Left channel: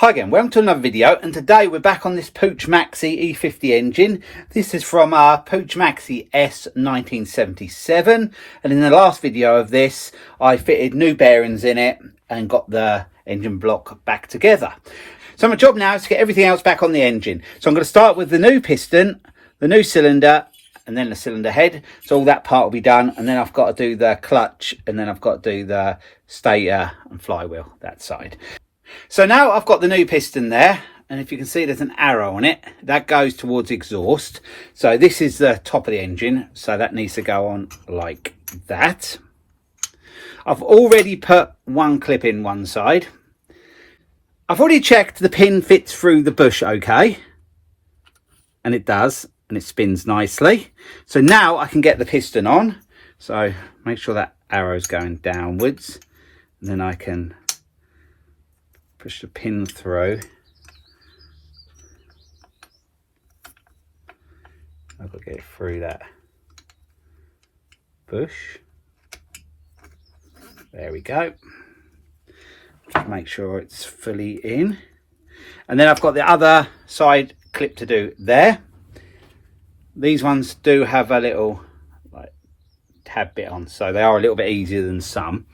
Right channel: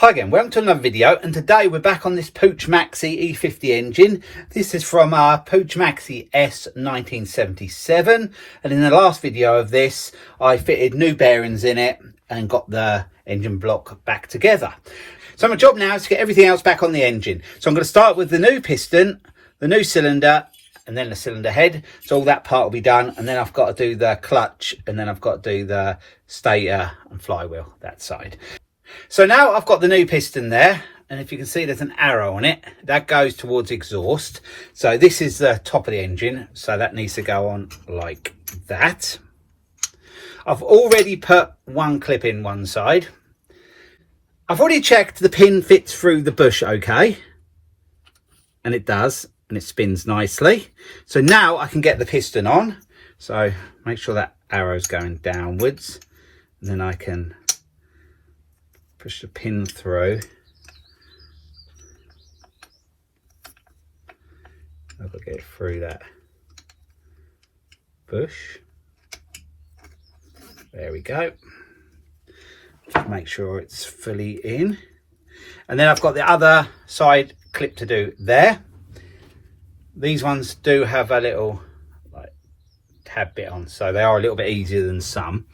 Hi again, welcome to another video, and today we're back on this Puch Maxi E50 engine. This is from our Puch Maxi S 1977, and in the last video of this I fitted new bearings in it and got the engine block back together. So my job now is to get everything else back on the engine. So I'm going to start with the new piston, the new cylinder, and then the cylinder head. So all that part will be done, and then I've got to do the clutch, and then I've got to do the stator and flywheel, that side. So now I've got the new piston there, and if you can see there's an arrow on it that goes towards exhaust. So this is the top of the engine, so that needs to go on like that. I've already put one clip in one side. I've already checked the pin fits through the bush okay, and it does, and it spins nicely. So now I can get the piston on. So make sure that arrow's going downwards, and then I can push the pin through. I'll get it through that bush. There we go. Just make sure it's fully in. And then I've got the other side clip to do there. These ones do have a little like tab bit on, so they are a little bit easier than some.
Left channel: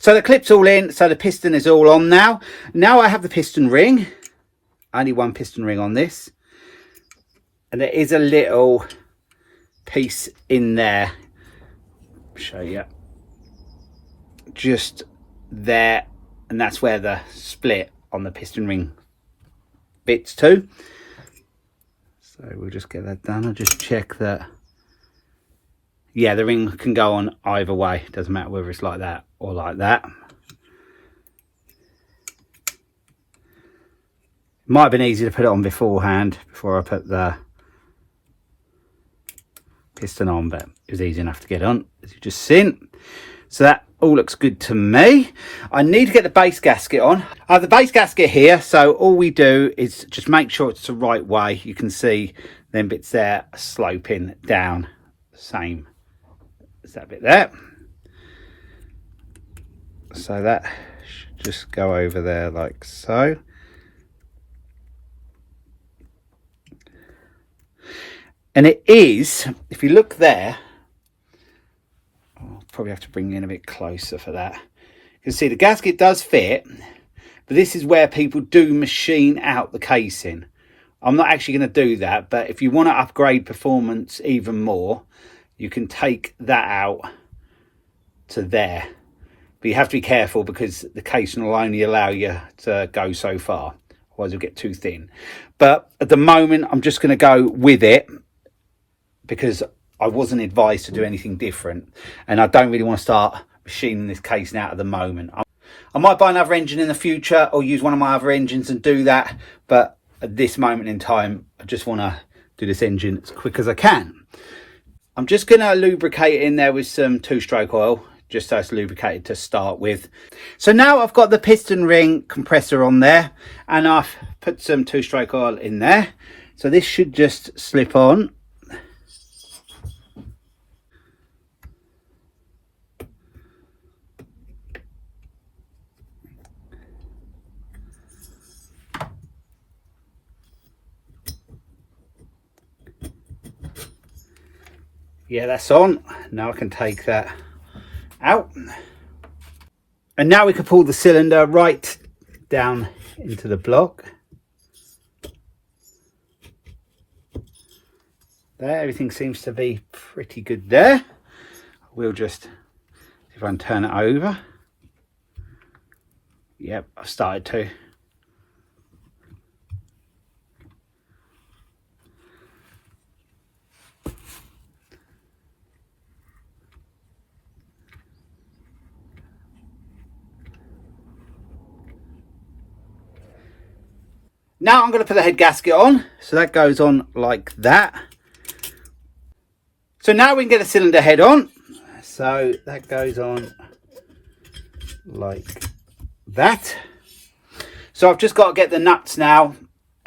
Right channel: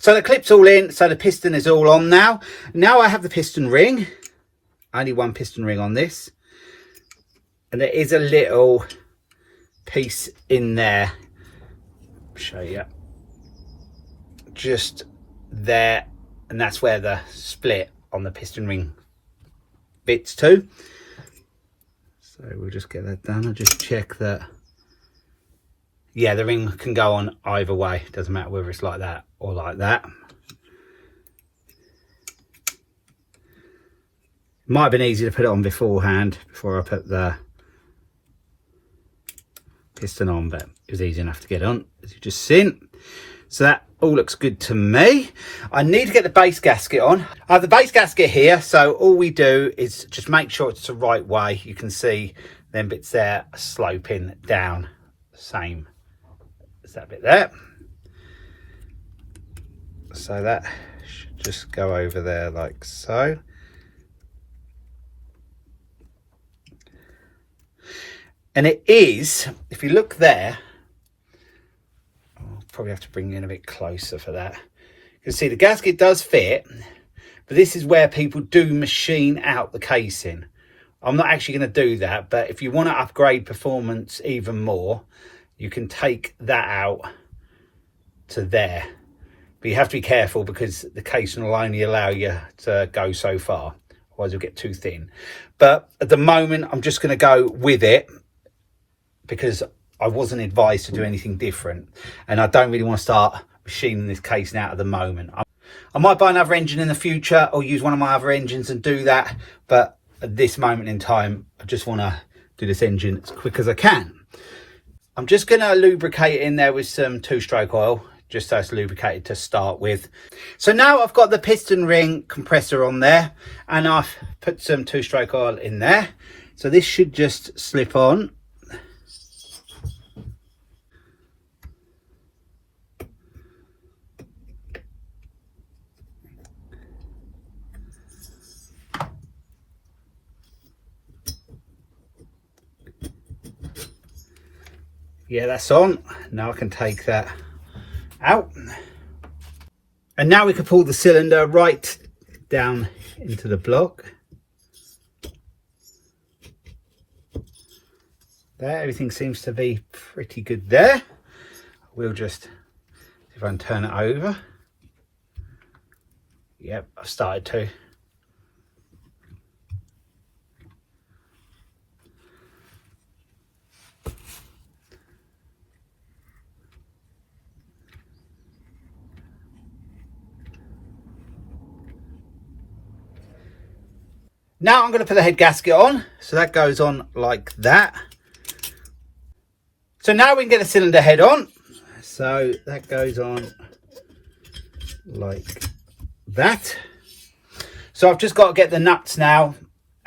So the clip's all in, so the piston is all on now. Now I have the piston ring. Only one piston ring on this. And there is a little piece in there. I'll show you. Just there, and that's where the split on the piston ring fits to. So we'll just get that done. I'll just check that. Yeah, the ring can go on either way. It doesn't matter whether it's like that or like that. Might have been easy to put it on beforehand, before I put the piston on, but it was easy enough to get on, as you've just seen. So that all looks good to me. I need to get the base gasket on. I have the base gasket here, so all we do is just make sure it's the right way. You can see them bits there sloping down, same as that bit there. So that should just go over there like so. And it is, if you look there, I'll probably have to bring you in a bit closer for that. You can see the gasket does fit, but this is where people do machine out the casing. I'm not actually going to do that, but if you want to upgrade performance even more, you can take that out to there. But you have to be careful, because the casing will only allow you to go so far, otherwise you'll get too thin. But at the moment I'm just going to go with it, because I wasn't advised to do anything different, and I don't really want to start machining this casing out at the moment. I might buy another engine in the future, or use one of my other engines and do that, but at this moment in time I just want to do this engine as quick as I can. I'm just going to lubricate it in there with some 2-stroke oil, just so it's lubricated to start with. So now I've got the piston ring compressor on there, and I've put some 2-stroke oil in there. So this should just slip on. Yeah, that's on. Now I can take that out, and now we can pull the cylinder right down into the block. There, everything seems to be pretty good there. We'll just see if I can turn it over. Yep, I've started to. Now I'm going to put the head gasket on. So that goes on like that. So now we can get a cylinder head on. So that goes on like that. So I've just got to get the nuts now,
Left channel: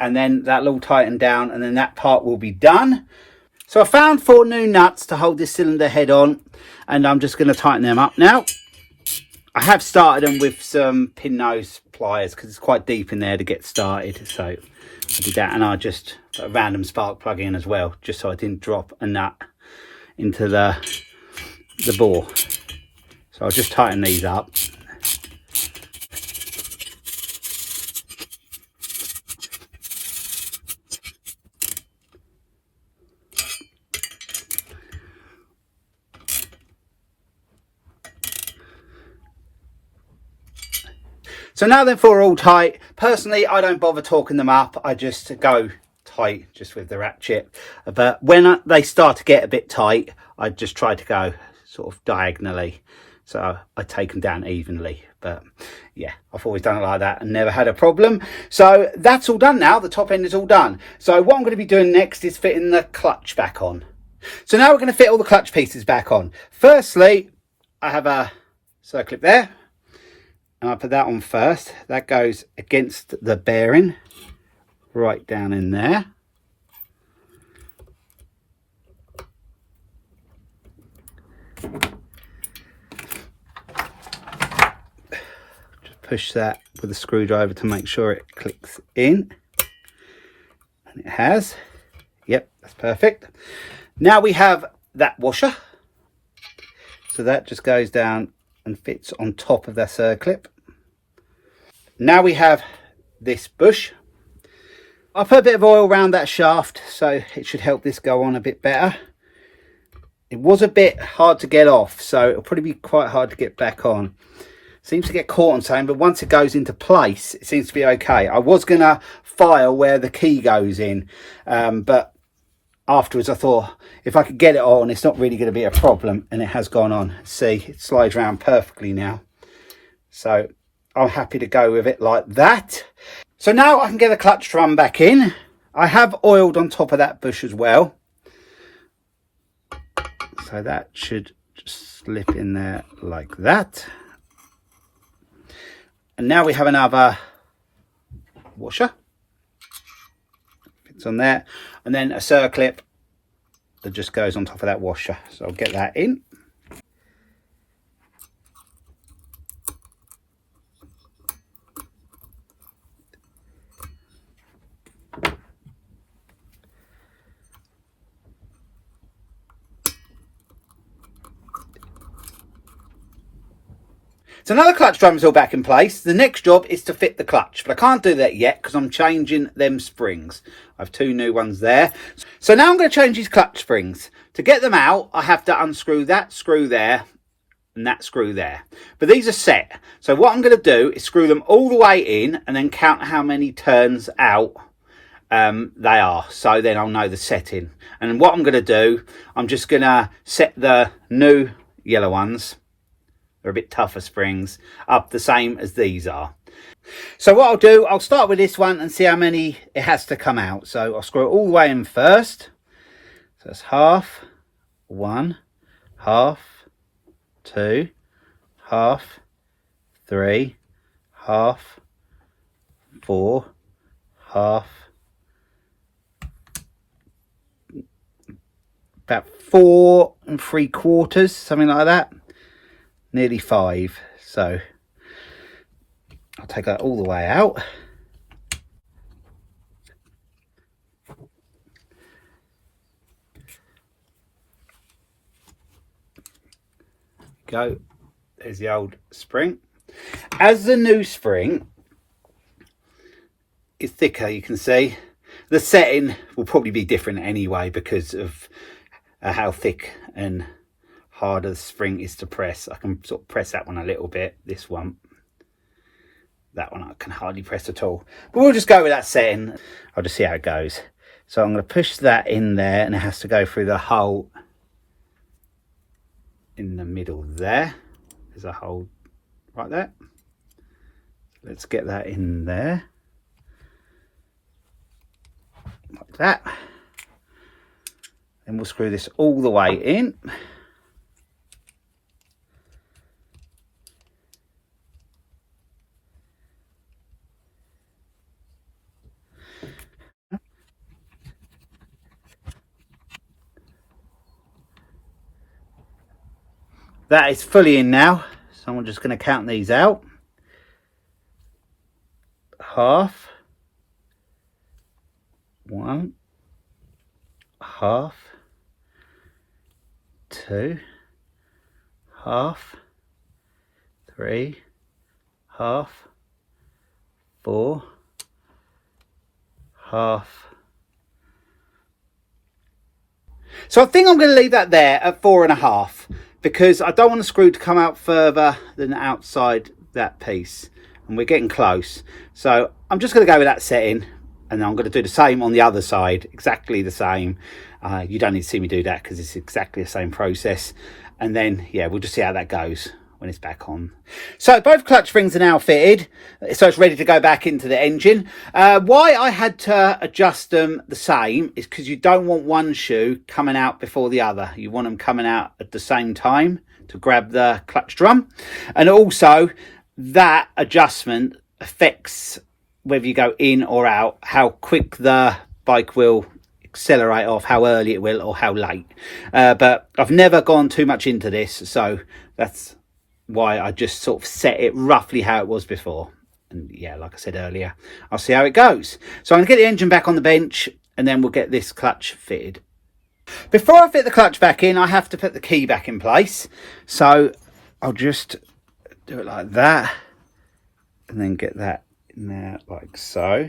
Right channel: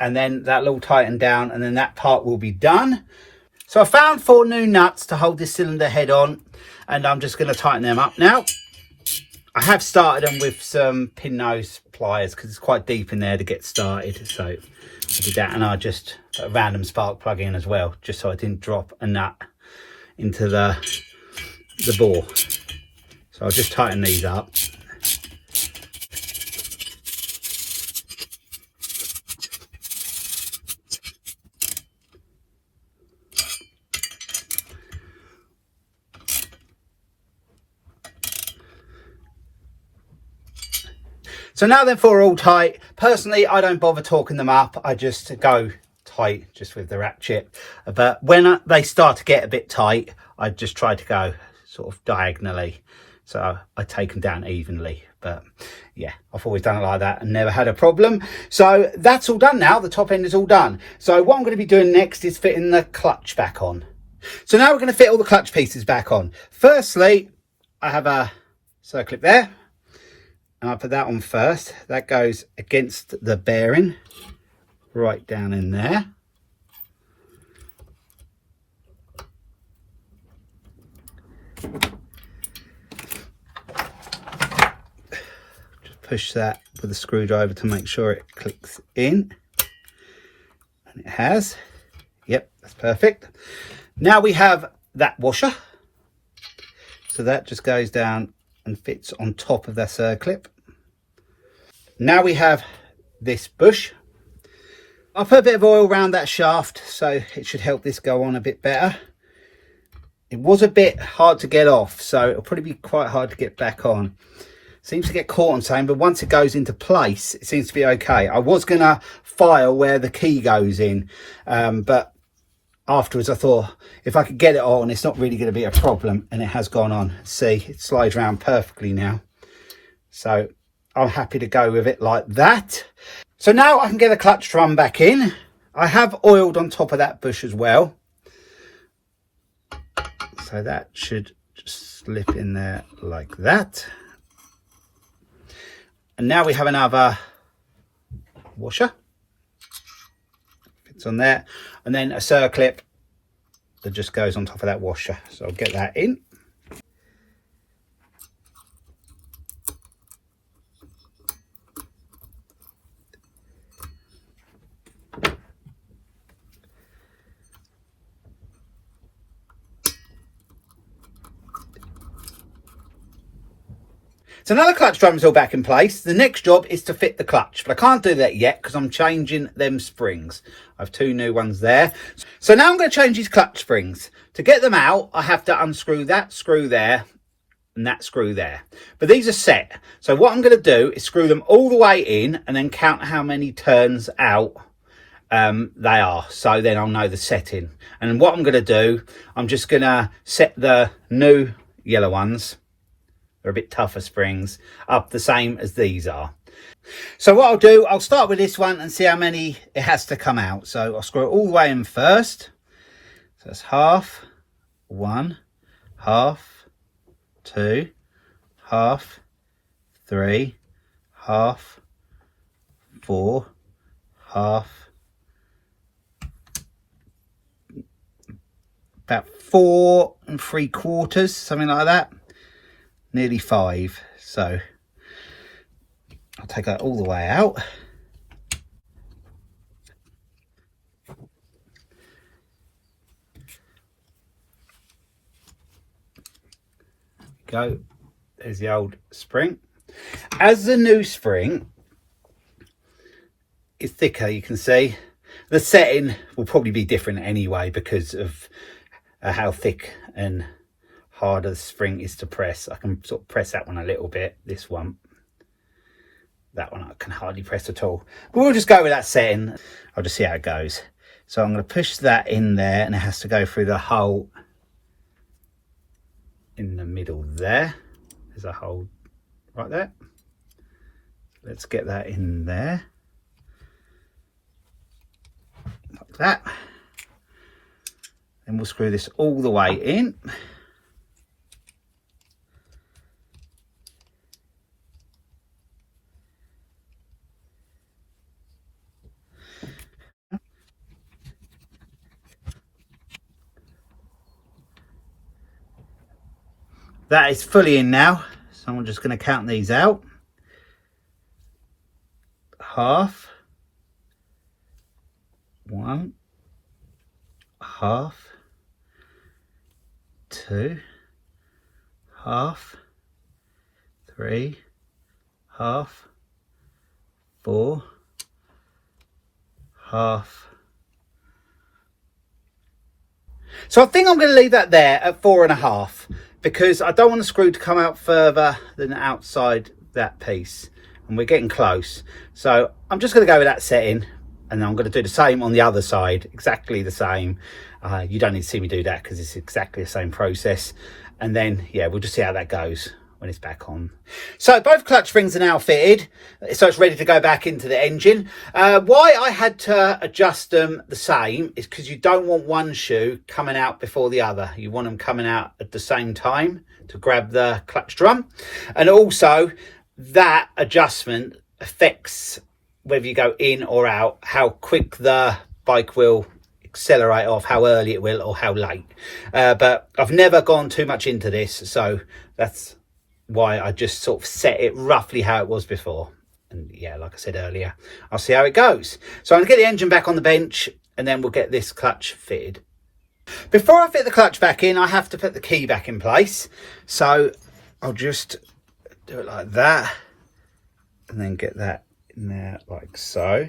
and then that'll all tighten down, and then that part will be done. So I found 4 new nuts to hold this cylinder head on, and I'm just going to tighten them up now. I have started them with some pin nose pliers because it's quite deep in there to get started. So I did that, and I just put a random spark plug in as well, just so I didn't drop a nut into the bore. So I'll just tighten these up. So now they're 4 all tight. Personally, I don't bother torquing them up. I just go tight just with the ratchet. But when they start to get a bit tight, I just try to go sort of diagonally. So I take them down evenly. But yeah, I've always done it like that and never had a problem. So that's all done now. The top end is all done. So what I'm going to be doing next is fitting the clutch back on. So now we're going to fit all the clutch pieces back on. Firstly, I have a circlip there. And I'll put that on first. That goes against the bearing, right down in there. Just push that with a screwdriver to make sure it clicks in. And it has. Yep, that's perfect. Now we have that washer. So that just goes down and fits on top of that circlip. Now we have this bush. I'll put a bit of oil around that shaft so it should help this go on a bit better. It was a bit hard to get off, so it'll probably be quite hard to get back on. Seems to get caught on something, but once it goes into place, it seems to be okay. I was going to file where the key goes in, but afterwards I thought if I could get it on, it's not really going to be a problem, and it has gone on. See, it slides around perfectly now. So I'm happy to go with it like that. So now I can get the clutch drum back in. I have oiled on top of that bush as well. So that should just slip in there like that. And now we have another washer. Fits on there. And then a circlip that just goes on top of that washer. So I'll get that in. So now the clutch drum is all back in place. The next job is to fit the clutch, but I can't do that yet because I'm changing them springs. I have 2 new ones there. So now I'm going to change these clutch springs. To get them out, I have to unscrew that screw there and that screw there. But these are set. So what I'm going to do is screw them all the way in and then count how many turns out they are. So then I'll know the setting. And what I'm going to do, I'm just going to set the new yellow ones, they're a bit tougher springs, up the same as these are. So what I'll do, I'll start with this one and see how many it has to come out. So I'll screw it all the way in first. So that's half, 1, half, 2, half, 3, half, 4, half, about 4 3/4, something like that. Nearly 5. So I'll take that all the way out. Go. There's the old spring. As the new spring is thicker, you can see the setting will probably be different anyway because of how thick and harder the spring is to press. I can sort of press that one a little bit. This one, that one I can hardly press at all. But we'll just go with that setting. I'll just see how it goes. So I'm going to push that in there, and it has to go through the hole in the middle there. There's a hole right there. Let's get that in there like that. Then we'll screw this all the way in. That is fully in now, so I'm just going to count these out. Half, 1, half, 2, half, 3, half, 4, half. So I think I'm going to leave that there at 4.5, because I don't want the screw to come out further than outside that piece, and we're getting close. So I'm just going to go with that setting, and I'm going to do the same on the other side, exactly the same. You don't need to see me do that because it's exactly the same process. And then, yeah, we'll just see how that goes when it's back on. So both clutch springs are now fitted, so it's ready to go back into the engine. Why I had to adjust them the same is because you don't want one shoe coming out before the other. You want them coming out at the same time to grab the clutch drum. And also that adjustment affects whether you go in or out, how quick the bike will accelerate off, how early it will or how late. But I've never gone too much into this, so that's why I just sort of set it roughly how it was before. And yeah, like I said earlier, I'll see how it goes. So I'm gonna get the engine back on the bench, and then we'll get this clutch fitted. Before I fit the clutch back in, I have to put the key back in place. So I'll just do it like that, and then get that in there like so.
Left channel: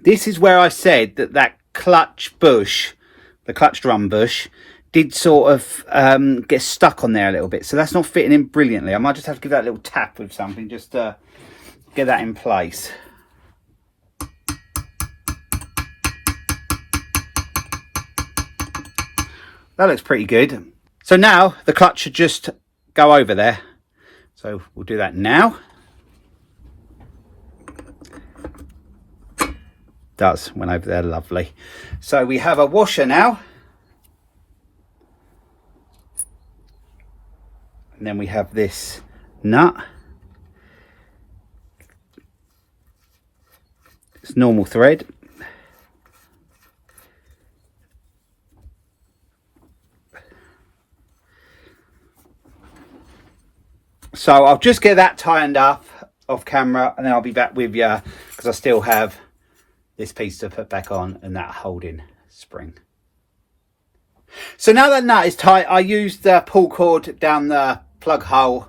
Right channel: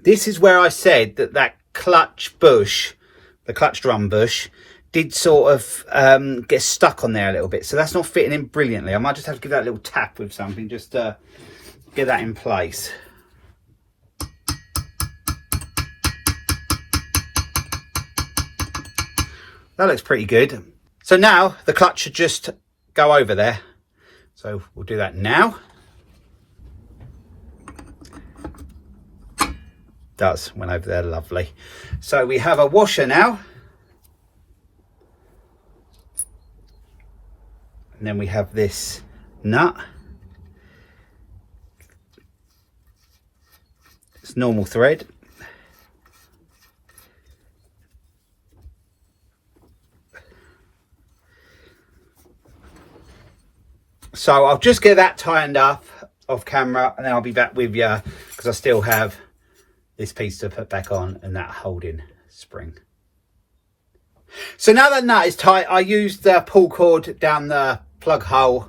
This is where I said that that clutch bush, the clutch drum bush, did sort of get stuck on there a little bit. So that's not fitting in brilliantly. I might just have to give that a little tap with something just to get that in place. That looks pretty good. So now the clutch should just go over there. So we'll do that now. Does, went over there, lovely. So we have a washer now. And then we have this nut. It's normal thread. So I'll just get that tightened up off camera, and then I'll be back with you, because I still have this piece to put back on and that holding spring. So now that nut is tight, I used the pull cord down the plug hole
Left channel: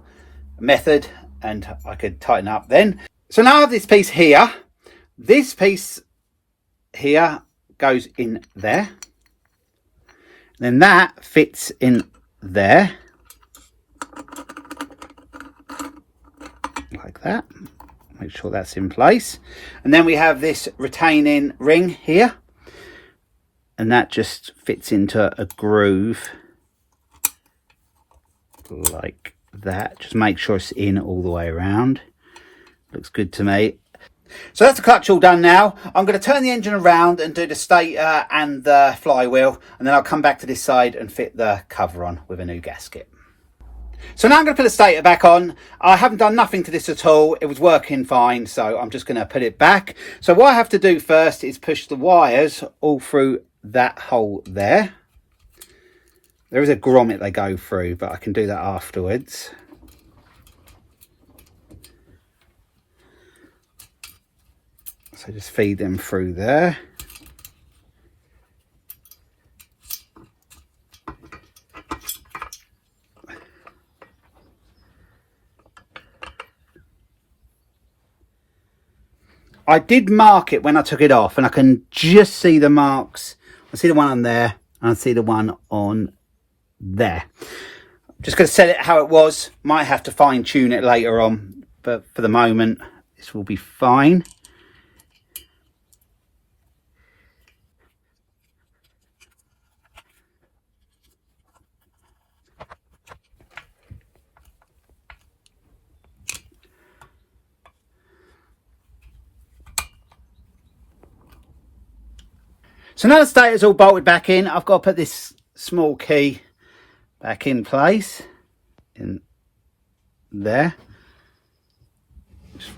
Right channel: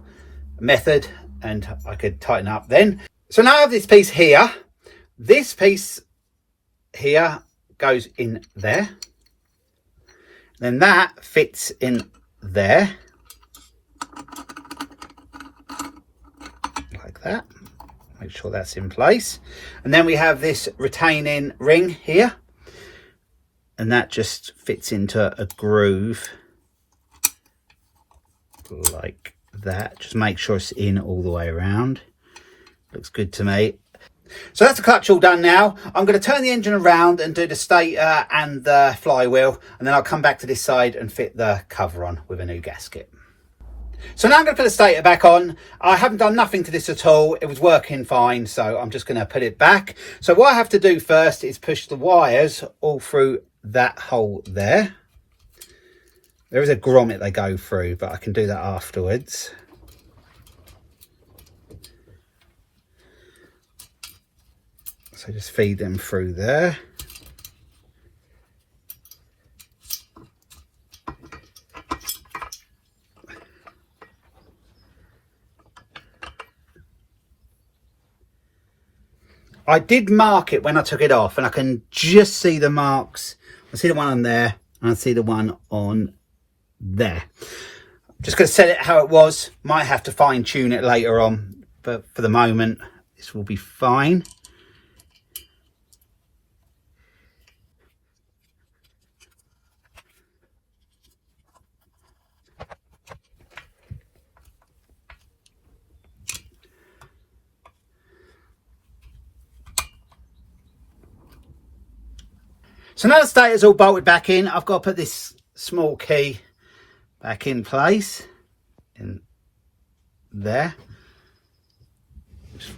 method, and I could tighten up then. So now I have this piece here. This piece here goes in there. Then that fits in there. Like that. Make sure that's in place. And then we have this retaining ring here. And that just fits into a groove like that. Just make sure it's in all the way around. Looks good to me. So that's the clutch all done now. I'm going to turn the engine around and do the stator and the flywheel, and then I'll come back to this side and fit the cover on with a new gasket. So now I'm going to put the stator back on. I haven't done nothing to this at all. It was working fine, so I'm just going to put it back. So what I have to do first is push the wires all through that hole there. There is a grommet they go through, but I can do that afterwards. So just feed them through there. I did mark it when I took it off, and I can just see the marks. I see the one on there, and I see the one on there. Just going to set it how it was. Might have to fine tune it later on, but for the moment this will be fine. So now the stator's all bolted back in, I've got to put this small key back in place in there. Just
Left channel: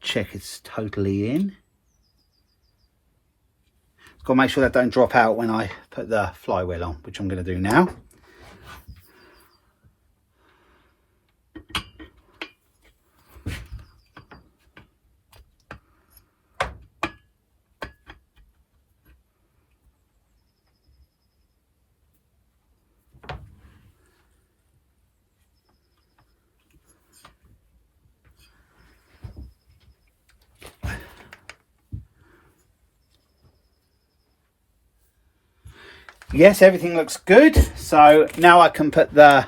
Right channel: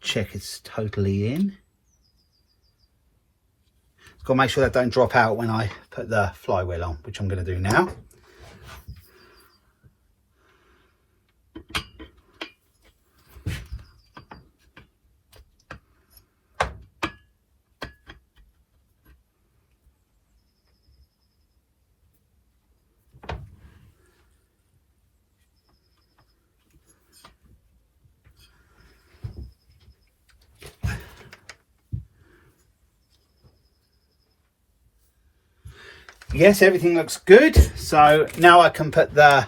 check it's totally in. Got to make sure that don't drop out when I put the flywheel on, which I'm going to do now. Yes, everything looks good. So now I can put the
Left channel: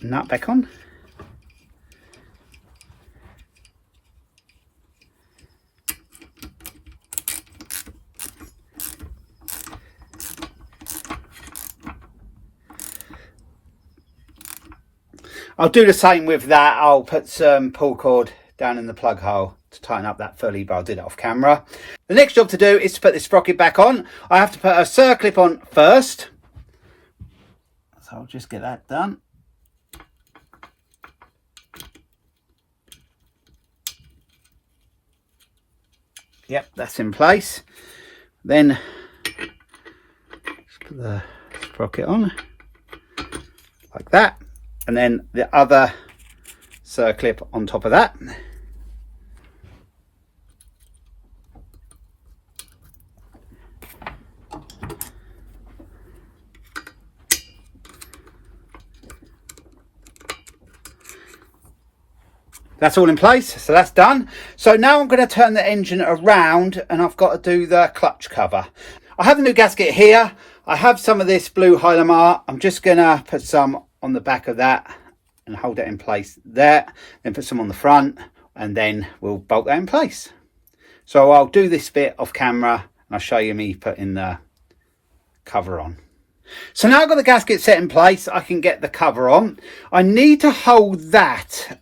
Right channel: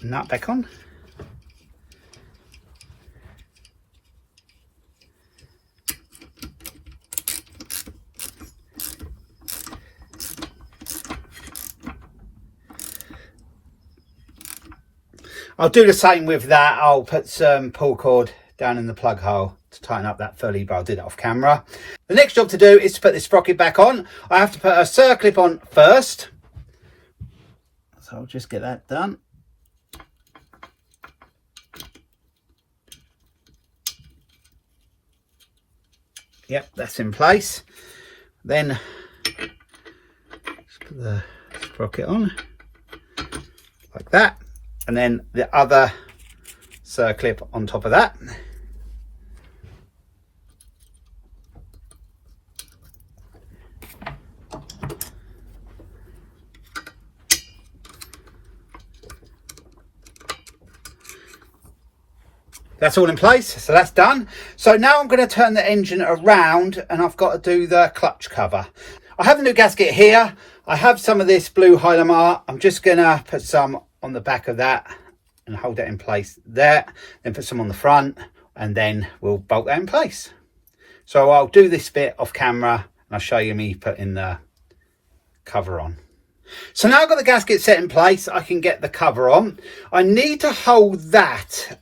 nut back on. I'll do the same with that. I'll put some pull cord down in the plug hole to tighten up that fully, but I'll do that off camera. The next job to do is to put this sprocket back on. I have to put a circlip on first, so I'll just get that done. Yep, that's in place. Then just put the sprocket on like that, and then the other circlip on top of that. That's all in place, so that's done. So now I'm going to turn the engine around and I've got to do the clutch cover. I have a new gasket here. I have some of this blue Yamaha. I'm just going to put some on the back of that and hold it in place there. Then put some on the front and then we'll bolt that in place. So I'll do this bit off camera and I'll show you me putting the cover on. So now I've got the gasket set in place, I can get the cover on. I need to hold that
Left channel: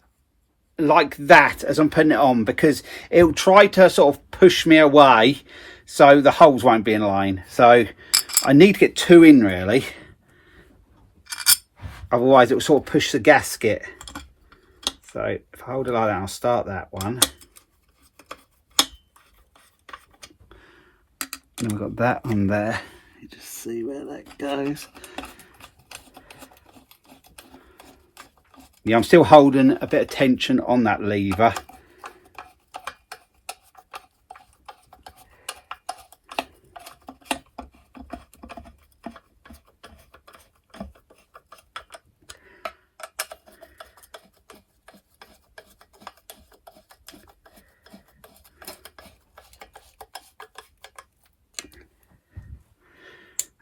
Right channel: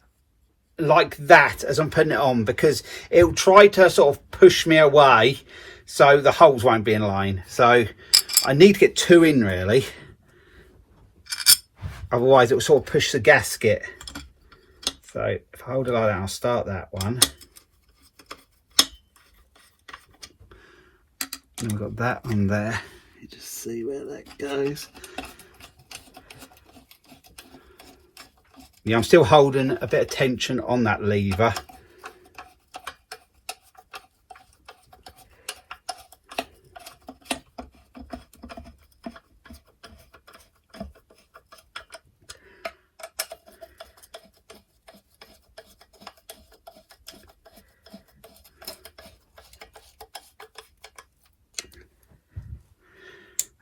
like that as I'm putting it on because it'll try to sort of push me away so the holes won't be in line. So I need to get two in really, otherwise it will sort of push the gasket. So if I hold it like that, I'll start that one. And I've got that one there. You just see where that goes. Yeah, I'm still holding a bit of tension on that lever.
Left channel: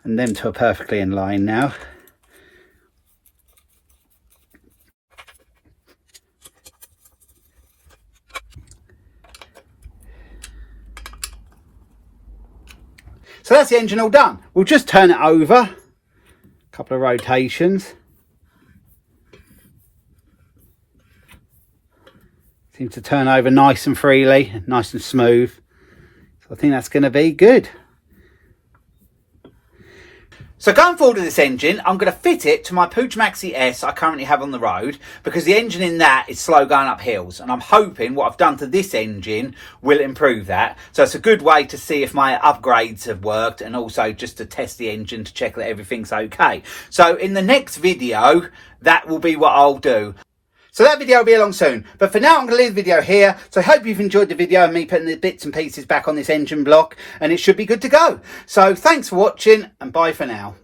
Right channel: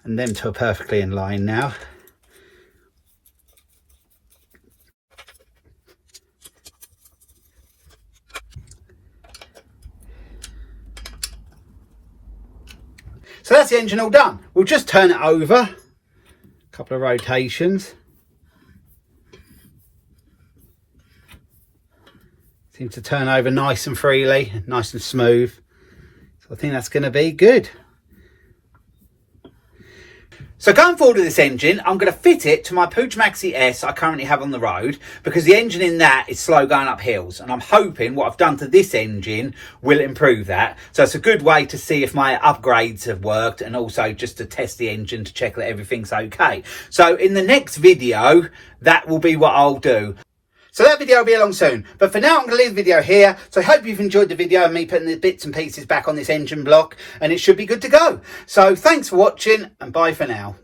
And them two are perfectly in line now. So that's the engine all done. We'll just turn it over, a couple of rotations. Seems to turn over nice and freely, nice and smooth. So I think that's going to be good. So going forward with this engine, I'm going to fit it to my Puch Maxi S I currently have on the road because the engine in that is slow going up hills, and I'm hoping what I've done to this engine will improve that. So it's a good way to see if my upgrades have worked and also just to test the engine to check that everything's okay. So in the next video, that will be what I'll do. So that video will be along soon, but for now I'm going to leave the video here. So I hope you've enjoyed the video of me putting the bits and pieces back on this engine block, and it should be good to go. So thanks for watching and bye for now.